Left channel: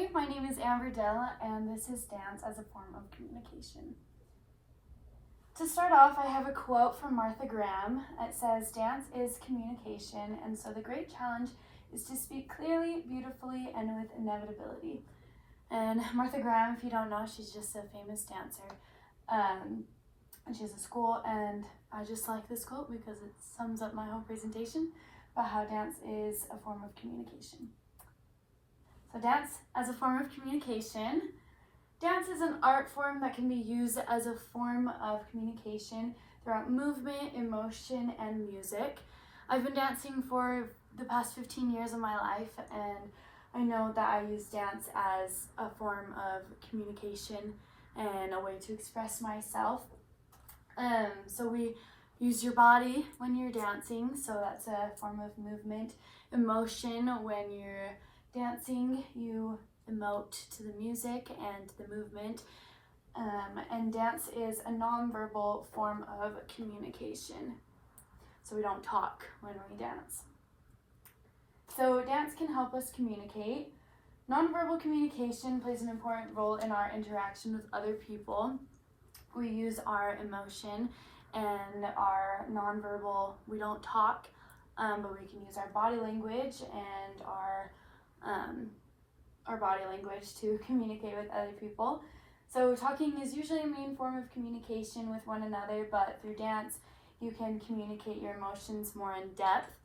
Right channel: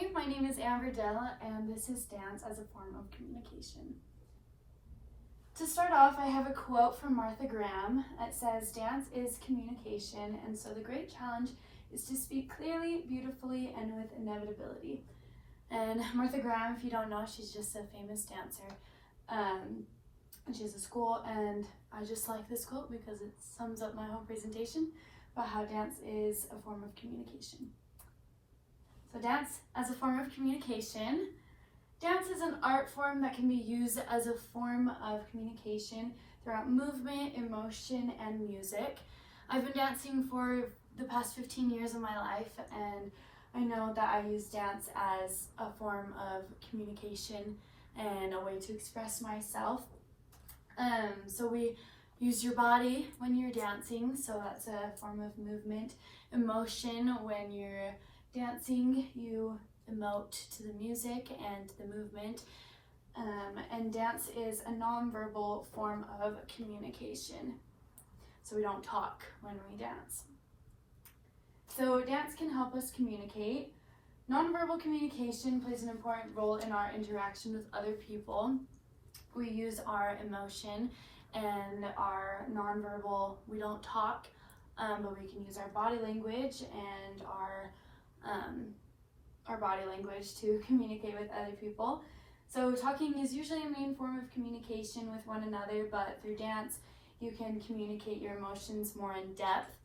Hi, my name is Amber Dell, and this is Dance as a Form of Communication. To start off, I have a quote from Martha Graham. It says, "Dance is communication, and so the great challenge is to speak clearly, beautifully, and with inevitability." And Martha Graham, if you don't know, she's just a famous dancer. And she has a school, and I just like this quote because it sums up my whole presentation about how dance is a form of communication. So dance as a form of communication. Dance is an art form that can be used as a form of communication throughout movement, emotion, and music. I've been dancing for the past 15 years of my life, and I know that I use dance as a form of communication and a way to express myself. So we use your body when you're dancing, so that's a form of movement. Emotion, when you're dancing, you emote to the music and the movement. And dance is a nonverbal form of communication. So we don't talk when we dance. So dance can help us communicate. Nonverbal communication plays an important role in our interaction with other people. We use our emotion and our nonverbal, we don't talk, but we can use our body language and our body language to communicate with other people. So talking is usually a main form of communication with one another, but through dance, you can communicate your emotions more in depth.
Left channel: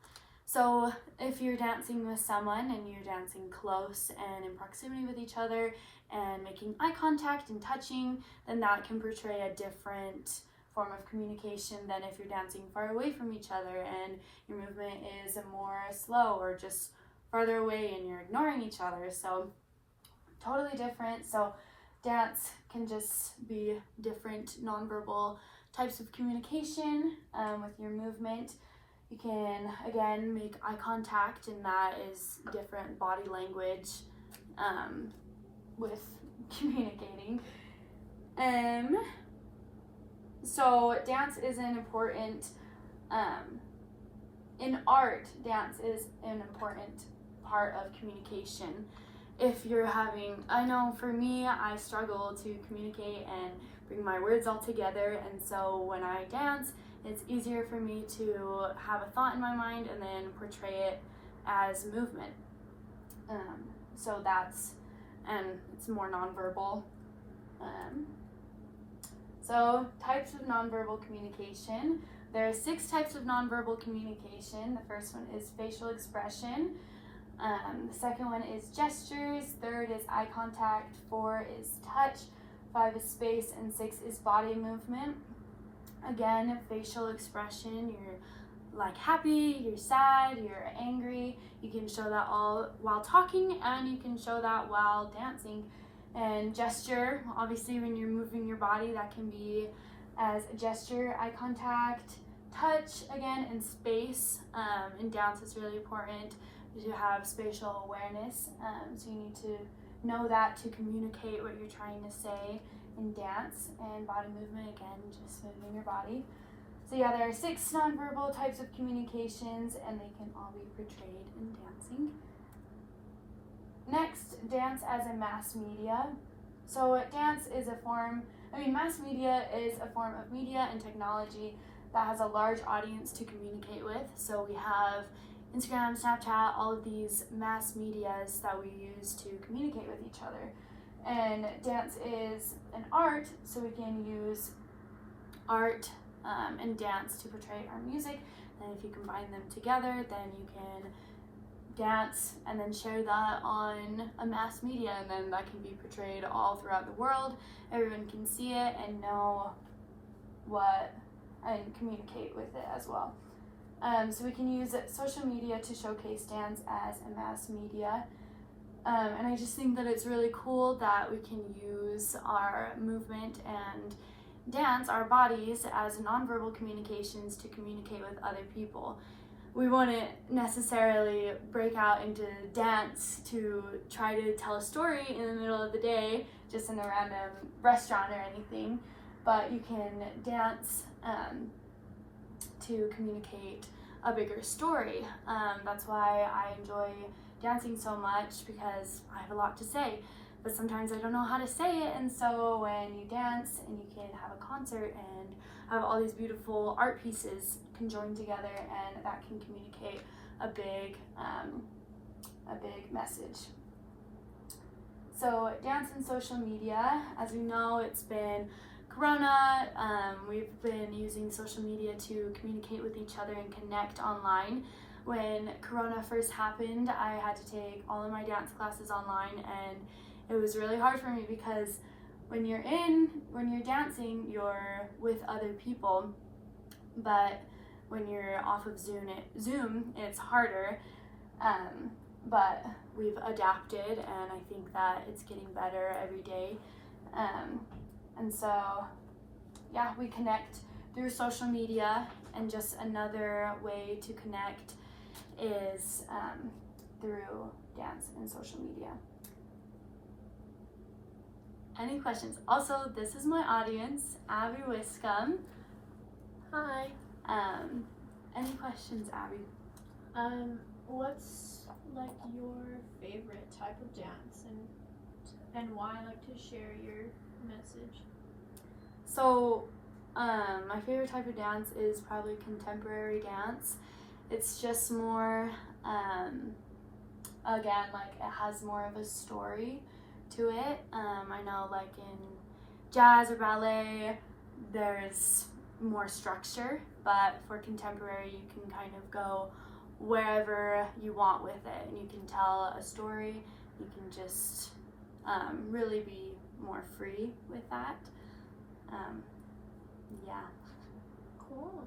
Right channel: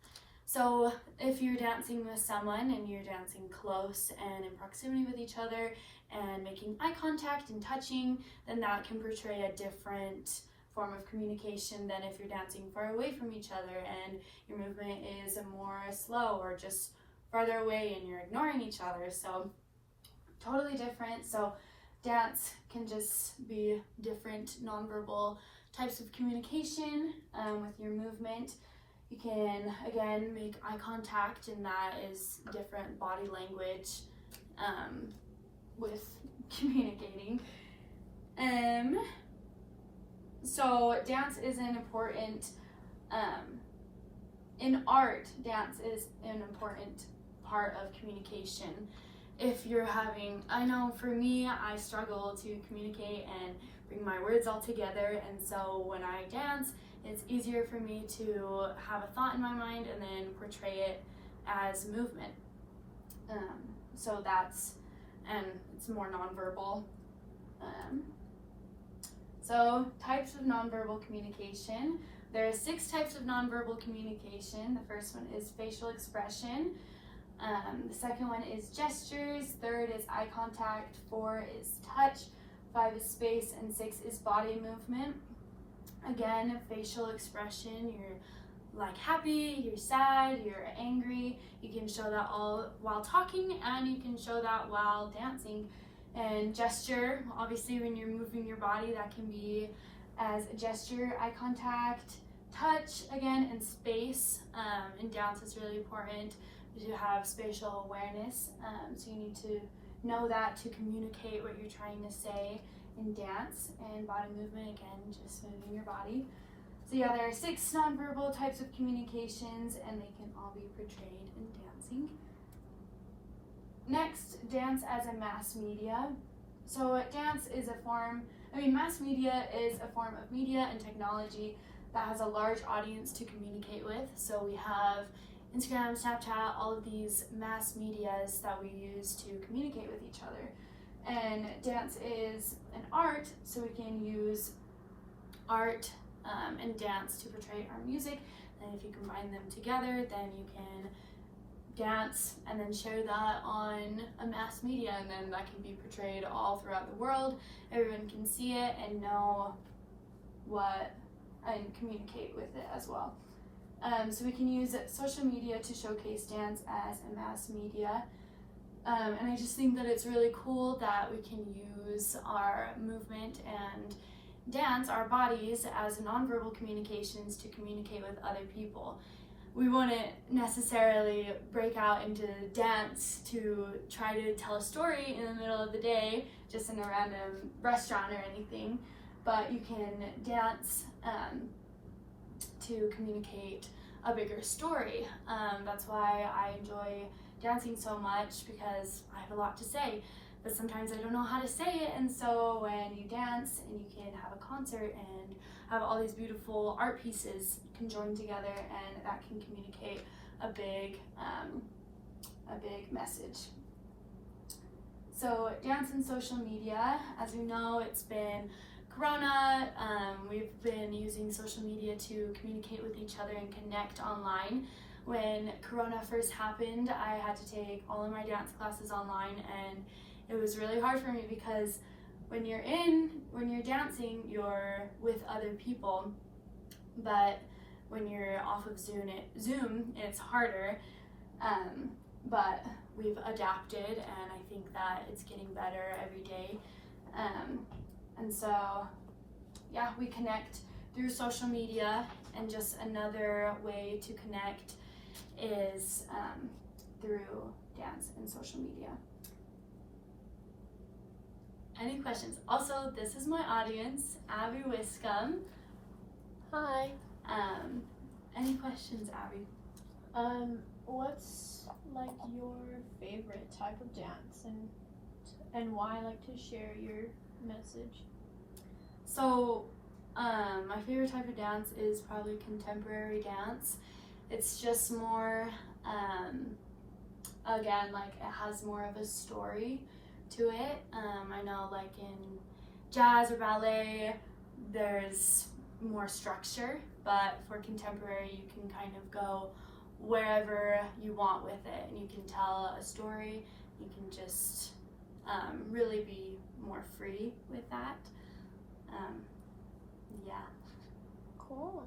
So if you're dancing with someone and you're dancing close and in proximity with each other and making eye contact and touching, then that can portray a different form of communication than if you're dancing far away from each other and your movement is more slow or just farther away and you're ignoring each other. So totally different. So dance can just be different nonverbal types of communication with your movement. You can, again, make eye contact, and that is different body language with communicating. So dance is an important, in art, dance is an important part of communication. If you're having, I know for me, I struggle to communicate and bring my words all together, and so when I dance, it's easier for me to have a thought in my mind and then portray it as movement. So that's, and it's more nonverbal. So types of nonverbal communication. There are 6 types of nonverbal communication. The first one is facial expression. The second one is gestures. 3rd is eye contact. 4 is touch. 5 is space, and 6 is body movement. Again, facial expression, you're like happy, you're sad, you're angry. You can show that all while talking, and you can show that while dancing. And gesture, obviously when you're moving your body, that can be as a gesture, eye contact, touch, again, and space. In dance, it's really important to have spatial awareness. So you need to know that to communicate what you're trying to say in dance. And body movement, again, just moving your body. So yeah, there are 6 nonverbal types of communications, and they can all be portrayed in dancing. Next, dance as a mass media. So dance is a form, mass media is a form of media and technology that has a large audience to communicate with. So we have Instagram, Snapchat, all of these mass medias that we use to communicate with each other. And dance is an art, so we can use art and dance to portray our music. And if you combine them together, then you can dance and then share that on a mass media, and then that can be portrayed all throughout the world. Everyone can see it and know and communicate with it as well. So we can use social media to showcase dance as a mass media. And I just think that it's really cool that we can use our movement and dance, our bodies, as nonverbal communications to communicate with other people. We wouldn't necessarily break out into dance to try to tell a story in the middle of the day, just in a random restaurant or anything, but you can dance to communicate a bigger story. That's why I enjoy dancing so much because I have a lot to say, but sometimes I don't know how to say it. And so when you dance and you can have a concert and have all these beautiful art pieces can join together, and that can communicate a big message. So dance and social media, as we know, it's been Corona. We've been using social media to communicate with each other and connect online. When Corona first happened, I had to take all of my dance classes online, and it was really hard for me because when you're dancing, you're with other people, but when you're off of Zoom, it's harder. But we've adapted, and I think that it's getting better every day. And so, yeah, we connect through social media, and just another way to connect is through dance and social media. Any questions? Also, this is my audience, Abby Wiscombe. Hi. Any questions, Abby? What's like your favorite type of dance, and why? Like to share your message. So, my favorite type of dance is probably contemporary dance. It's just more, again, like it has more of a story to it. I know like in jazz or ballet, there's more structure, but for contemporary, you can kind of go wherever you want with it, and you can tell a story. You can just really be more free with that. Yeah. Cool.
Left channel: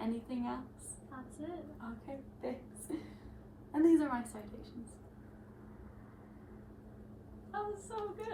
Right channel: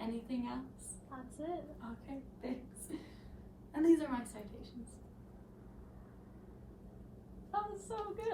Anything else? That's it. Okay, thanks. And these are my citations. That was so good.